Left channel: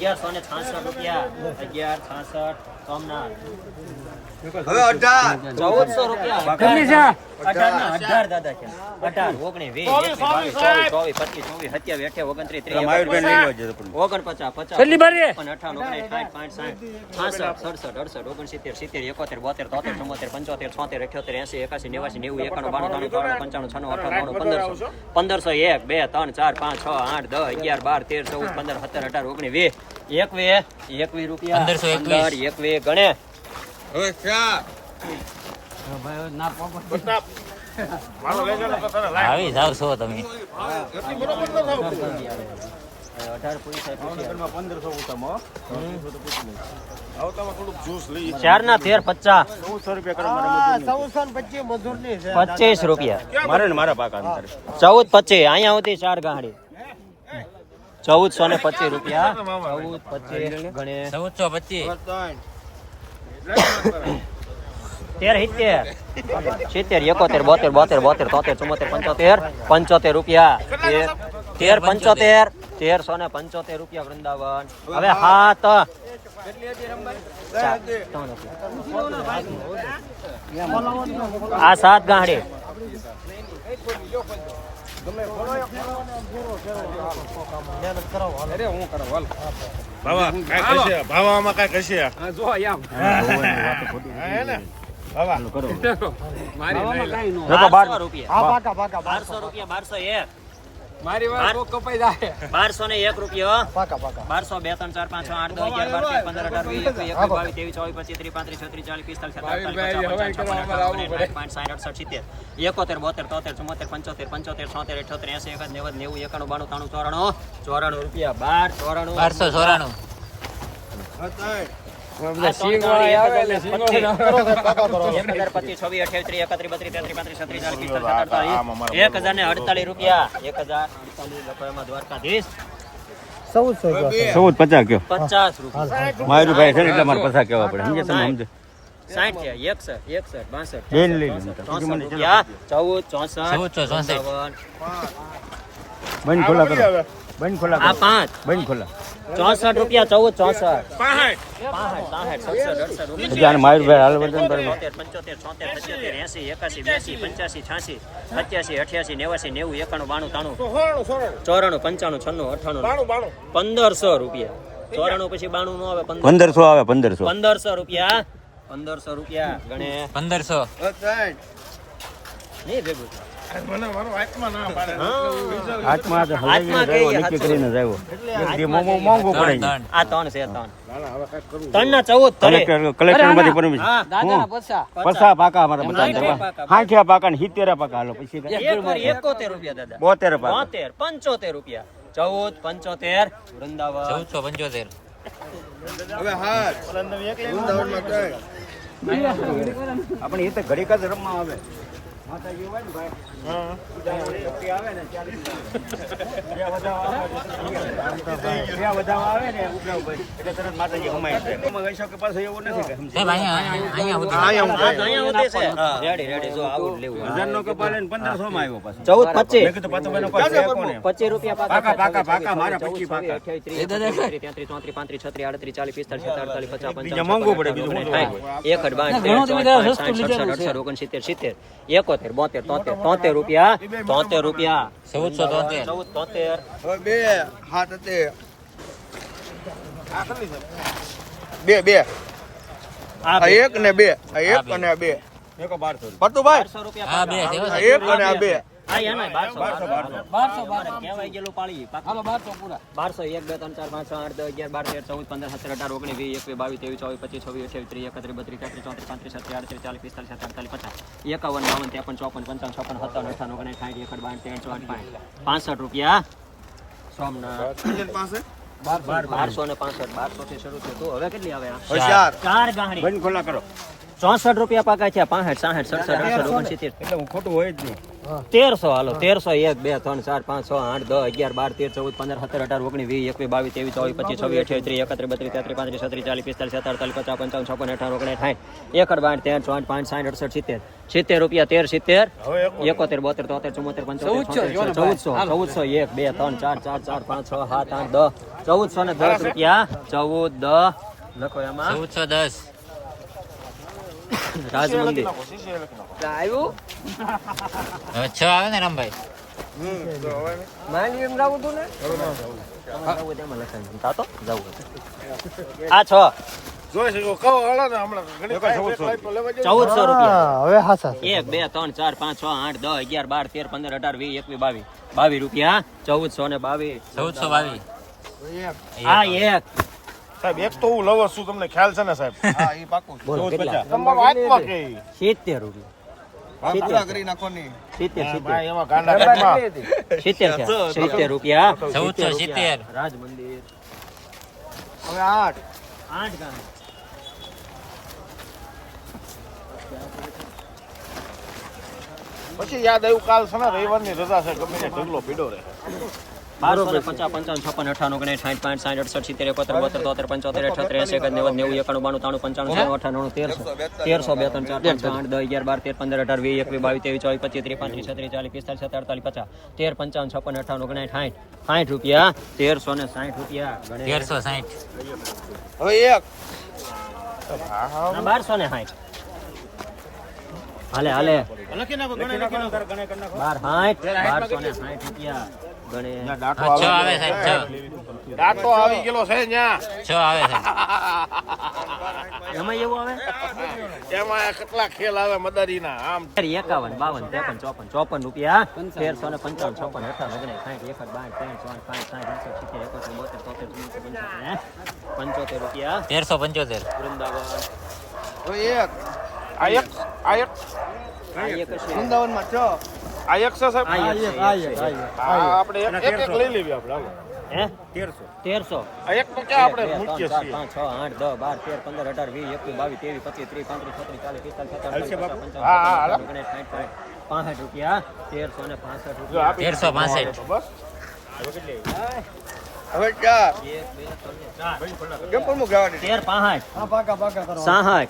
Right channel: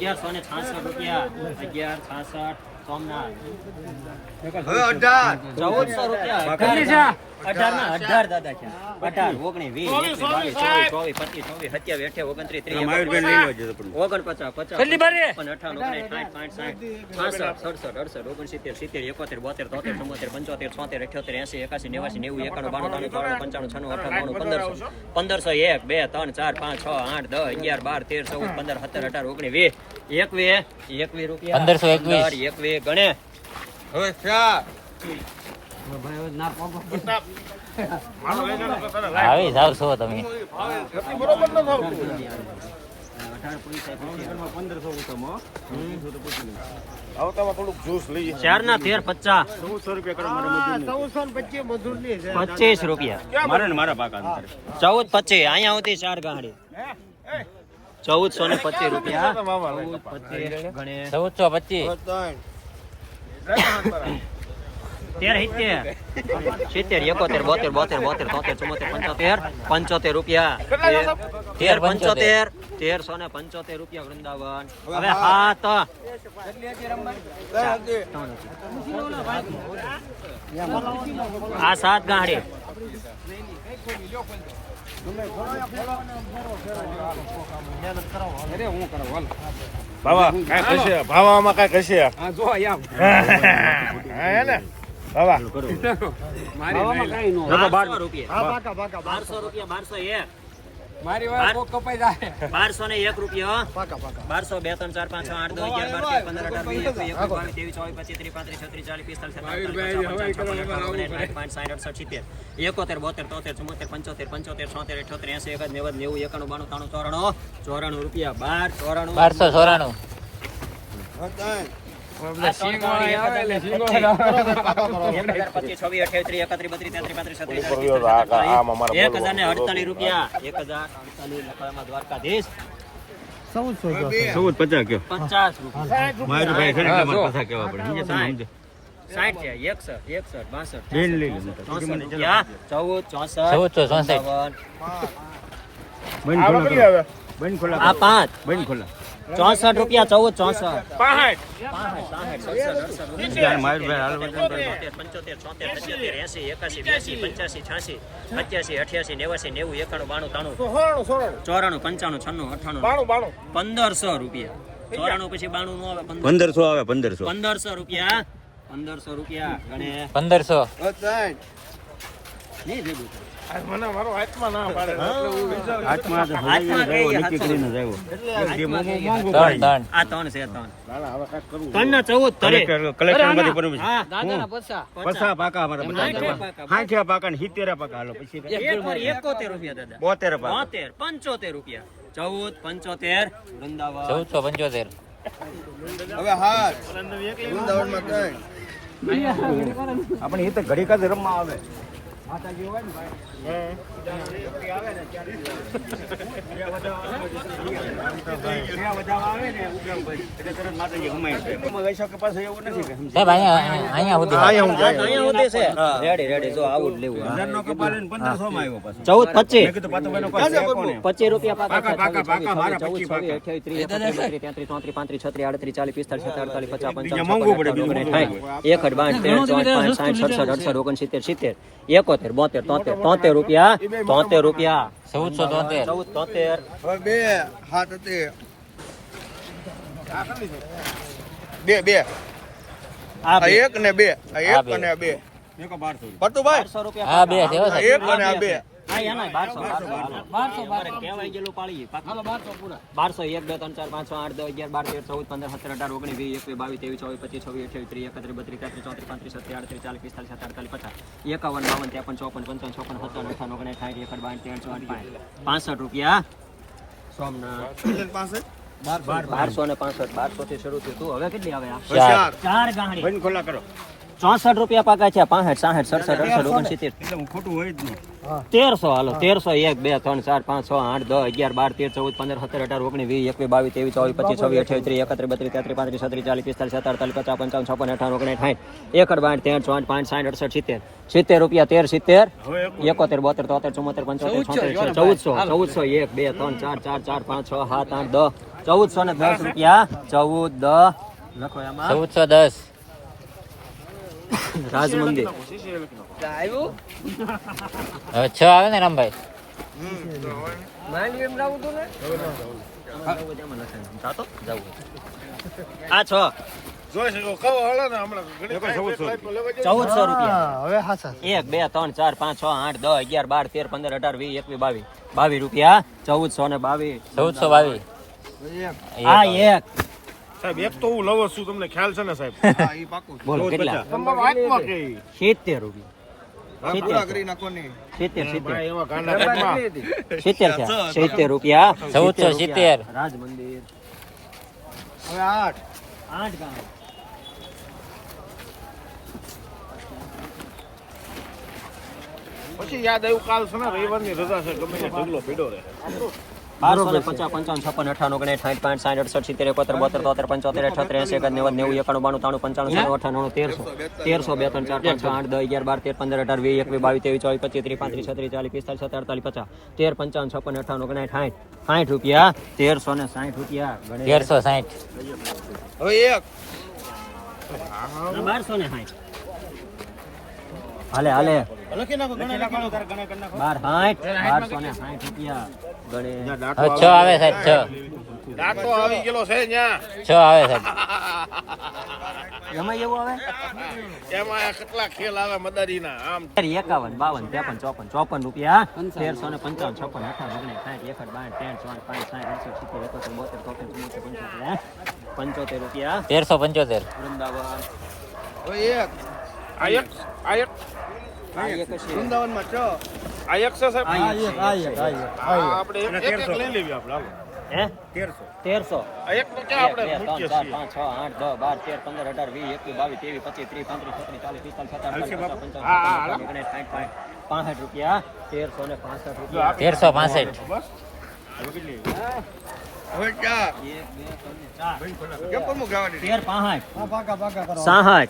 ₹1166 રૂપિયા 1166 સોમનાથ હવે 18 ₹1400 18 ના 18 દાદા છે 18 19 20 21 22 23 24 25 27 28 29 30 1521 ગણે હવે 4 આવી જાવ છો તમે 4 ના 13 25 રૂપિયા મારે ને મારા પાકા 1425 અહીંયા હોતી 4 ગાંડી 1425 રૂપિયા 1425 ગણે 1425 ₹75 રૂપિયા 1375 રૂપિયા વૃંદાવન હવે હાથ આ 7 ગાંડી ભાવામાં કઈ કશે મારી વાત કપાઈ જાય 1201 રૂપિયા 12 2 3 4 5 6 8 10 11 1294 ₹1048 રૂપિયા 1048 દ્વારકાધીશ 1450 કયો 50 રૂપિયા મારું ભાઈ છે ને એટલે મારે પૈસા કેવા પડે સમજે તમે સમજે 60 61 62 રૂપિયા 14 બંધ ખોલા કરો બંધ ખોલા આ 5 બંધ ખોલા 64 રૂપિયા 14 64 મારું ભાઈ હાલ વર્તન 1500 રૂપિયા 94 પછી 92 નો આવે 1500 આવે 1500 1500 રૂપિયા 1500 રૂપિયા ગણે 1500 ને ભેગું મને મારો હાથમાં ના પાડે હાથમાં કઈ કરીને જાવ ત્રણ આ 3 છે 3 ના 14 કલેક્ટર માંથી પરમિશન હા દાદા પસા પાકા અમારા બધા 60 પાકા ને 70 પાકા હાલો પછી 71 રૂપિયા દાદા 72 પાકા 75 રૂપિયા 14 75 વૃંદાવન 1475 હવે હાથ વૃંદાવનમાં કઈ આપણે એ તો ઘડી કાજ રમવા આવે માતાજી હોય ને ભાઈ આવે ને આવે ને ભાઈ એટલે તરત માતાજી હમાય છે વૈશો કે પાસે એવું નથી કે સાહેબ અહીંયા છે રેડી જો આવું જ લેવું 1000 નો કપા લઈને 1500 માં આવ્યો પાછો 14 મેં કીધું પાછો એનો કોઈ 25 રૂપિયા પાકા મારા 25 પાકા 33 34 35 36 40 45 બીજા મોંઘું પડે બીજું મોંઘું 73 રૂપિયા 1473 બે હાથ તે બે આ એક ને બે એક અને બે એક 1200 પટુભાઈ 1200 રૂપિયા હા બે છે હો સાહેબ એક અને બે હા યાના 1200 કહેવાય ગયેલું પાળી 1200 પૂરા 1200 1 2 3 4 5 6 8 10 11 12 13 14 15 17 18 19 20 21 22 23 24 25 31 33 34 35 37 38 40 50 51 52 53 54 55 57 58 59 60 65 રૂપિયા સોમનાથ 1265 1200 થી શરૂ થયું હવે કેટલી આવે આ 4 ગાંહડી બંધ ખોલા કરો 64 રૂપિયા પાકા છે 65 66 67 68 69 એટલે હું ખોટું હોય જ નહીં 1300 હાલો 1300 1 2 3 4 5 6 8 10 11 12 13 14 15 17 18 19 20 21 22 23 24 25 26 28 31 32 33 35 37 40 45 46 47 50 55 56 59 60 61 62 63 65 60 70 રૂપિયા 13 70 71 72 73 74 75 76 1400 1 2 3 4 4 4 5 6 7 8 10 1410 રૂપિયા 14 10 લખો એમાં 1410. રાજ મંદિર હવે 6 આવે ને રામભાઈ? આ 6 1400 રૂપિયા હવે હાસા 1 2 3 4 5 6 8 10 11 12 13 15 18 20 21 22 રૂપિયા 1422 1422. આ એક સાહેબ એક તો હું લવર છું તમને ખ્યાલ છે ને સાહેબ બોલ કેટલા તમારો આત્મા કે 70 રૂપિયા 70 એવા ગાંડા કાઢમાં 70 રૂપિયા 1470. રાજ મંદિર હવે 8 ગામ પછી યાદ આવ્યું કાલ છે ને રવિવારની રજા છે ગમે તે ઢગલો ભેડો રહે 1250 55 56 58 59 60 65 70 71 72 73 75 78 90 91 92 93 95 96 97 1300 2 3 4 5 6 8 10 11 12 13 15 18 20 21 22 23 24 25 30 35 36 37 48 50 13 55 56 58 59 60 રૂપિયા 1360 રૂપિયા 1360. હવે એક 1260 હાલે હાલે લખી નાખો ગણે નાખો 1260 રૂપિયા ગણે હવે 6 આવે સાહેબ. 6 ડાકો આવી ગયેલો છે ન્યા 6 આવે સાહેબ. એમાં એવું આવે એમાં કેટલા ખેલ આવે મદારીના આમ 51 52 53 54 રૂપિયા 1355 56 58 રૂપિયા 1375. વૃંદાવન હવે એક આ એક આ એક છે વૃંદાવનમાં કયો આ એક છે સાહેબ આ એક છે. આપણે એક લઈ લેવી આપણે હે 1300 1300 આ એક તો ક્યાં આપણે 1 2 3 4 5 6 8 10 12 13 15 18 20 21 22 23 25 30 40 45 50 રૂપિયા 1365 રૂપિયા 1365. બસ હવે ક્યાં 13 5 પાકા પાકા કરો 67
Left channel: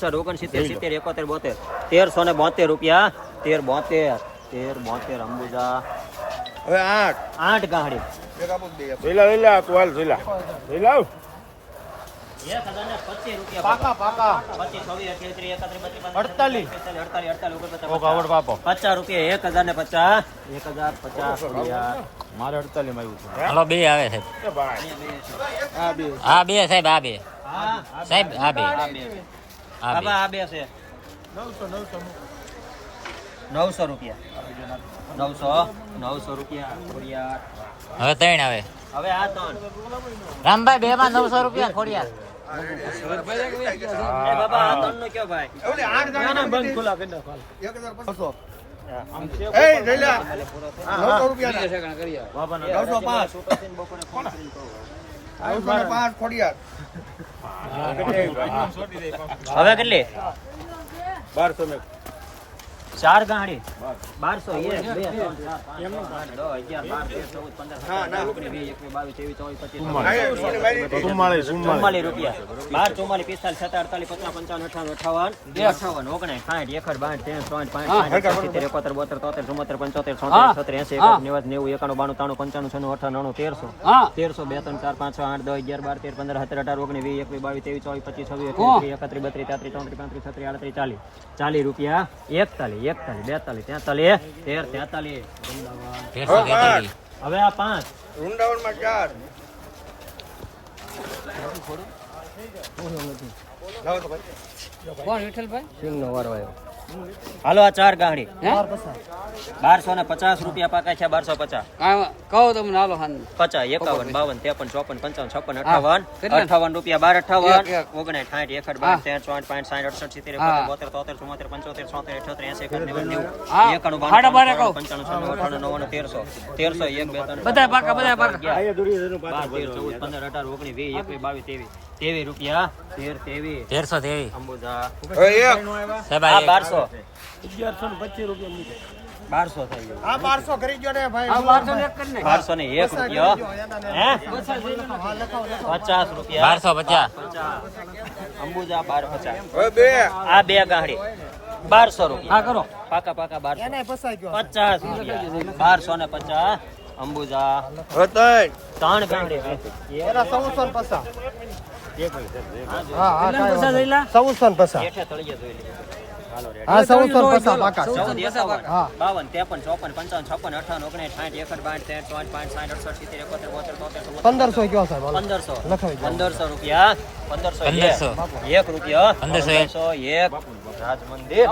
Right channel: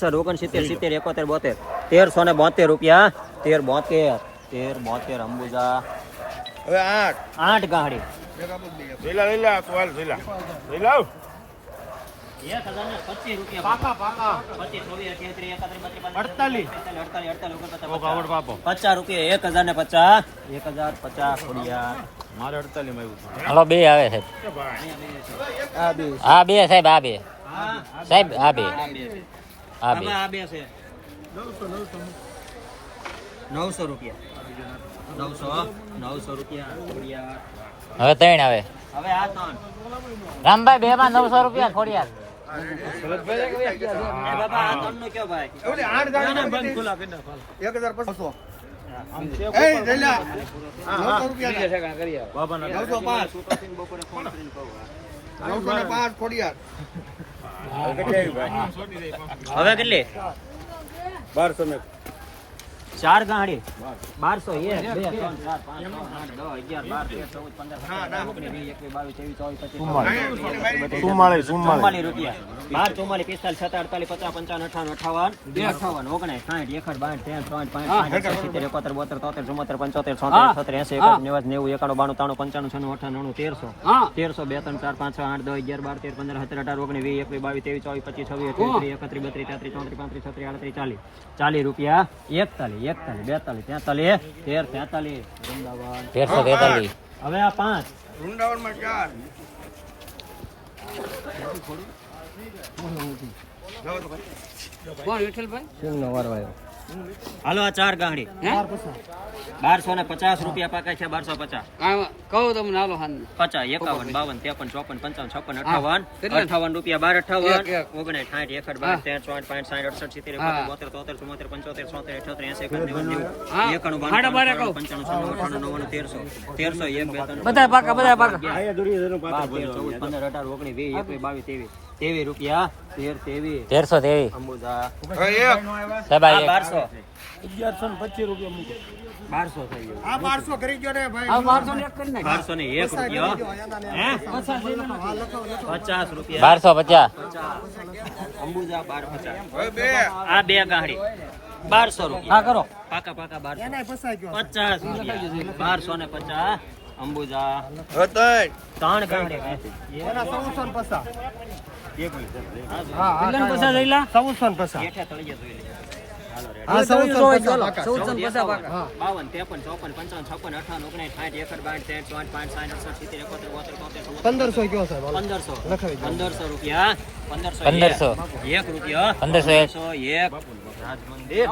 68 69 70 71 72 1372 રૂપિયા 1372 અંબુજા હવે 8 ગાડી લઈ લે તું હાલ લઈ લે 1025 રૂપિયા પાકા 25 26 28 29 50 રૂપિયા 1050 રૂપિયા મારે 48 માં હાલો 2 આવે સાહેબ. આ 2 સાહેબ. આ 2 સાહેબ. આ 2 આ 2. આ બે છે 900 રૂપિયા 900 રૂપિયા હવે 3 આવે. હવે આ 3 રામભાઈ 2 માં 900 રૂપિયા ખોડિયાર. એ બાબા આ 3 નો કયો ભાઈ 8 ગાડી બંધ ખોલા કરી નાખો 1500 એ લઈ લે 900 રૂપિયા 905 બપોરે ફોન કરીને કહું 905 ખોડિયાર હવે કેટલી 1200 ને 4 ગાડી 1200 1 2 3 4 5 6 8 10 11 12 13 14 15 16 17 18 19 20 21 22 23 24 25 44 રૂપિયા 12 44 45 47 58 59 60 41 રૂપિયા 41 42 43 43 43 1343. હવે આ 5 વૃંદાવનમાં 4 હાલો આ 4 ગાડી 1250 રૂપિયા પાકા છે 1250 કહો તમને હાલો હાલ 50 51 52 53 54 55 58 રૂપિયા 12 58 59 60 61 62 63 64 65 બધા પાકા બધા પાકા અહીંયા દુર્યોધનનો પાત્ર 14 15 18 19 20 21 22 23 રૂપિયા 13 1323 અંબુજા સાહેબ આ એક. 1125 રૂપિયા 1200 થઈ ગયું. આ 1200 કરી ગયો ને ભાઈ આ 1200 એક કરી નાખ 1201 રૂપિયા 50 રૂપિયા 1250 અંબુજા 1250 આ બે ગાંઠી 1200 રૂપિયા હા કરો પાકા 1200 એને ફસાઈ ગયો 50 રૂપિયા 1250 અંબુજા ત્રણ ગાંઠી એના 1450 કેટલાને પૈસા જોઈલા 1450 હેઠે તળિયે જોઈ લે. હાલો રેડી. હા 1450 પાકા 14 51 52 53 54 55 58 59 60 61 62 63 64 65 73 74 1500 કયો સાહેબ 1500 લખાવી દો. 1500 રૂપિયા 1500 1500 1 રૂપિયા 1501 1 રાજ મંદિર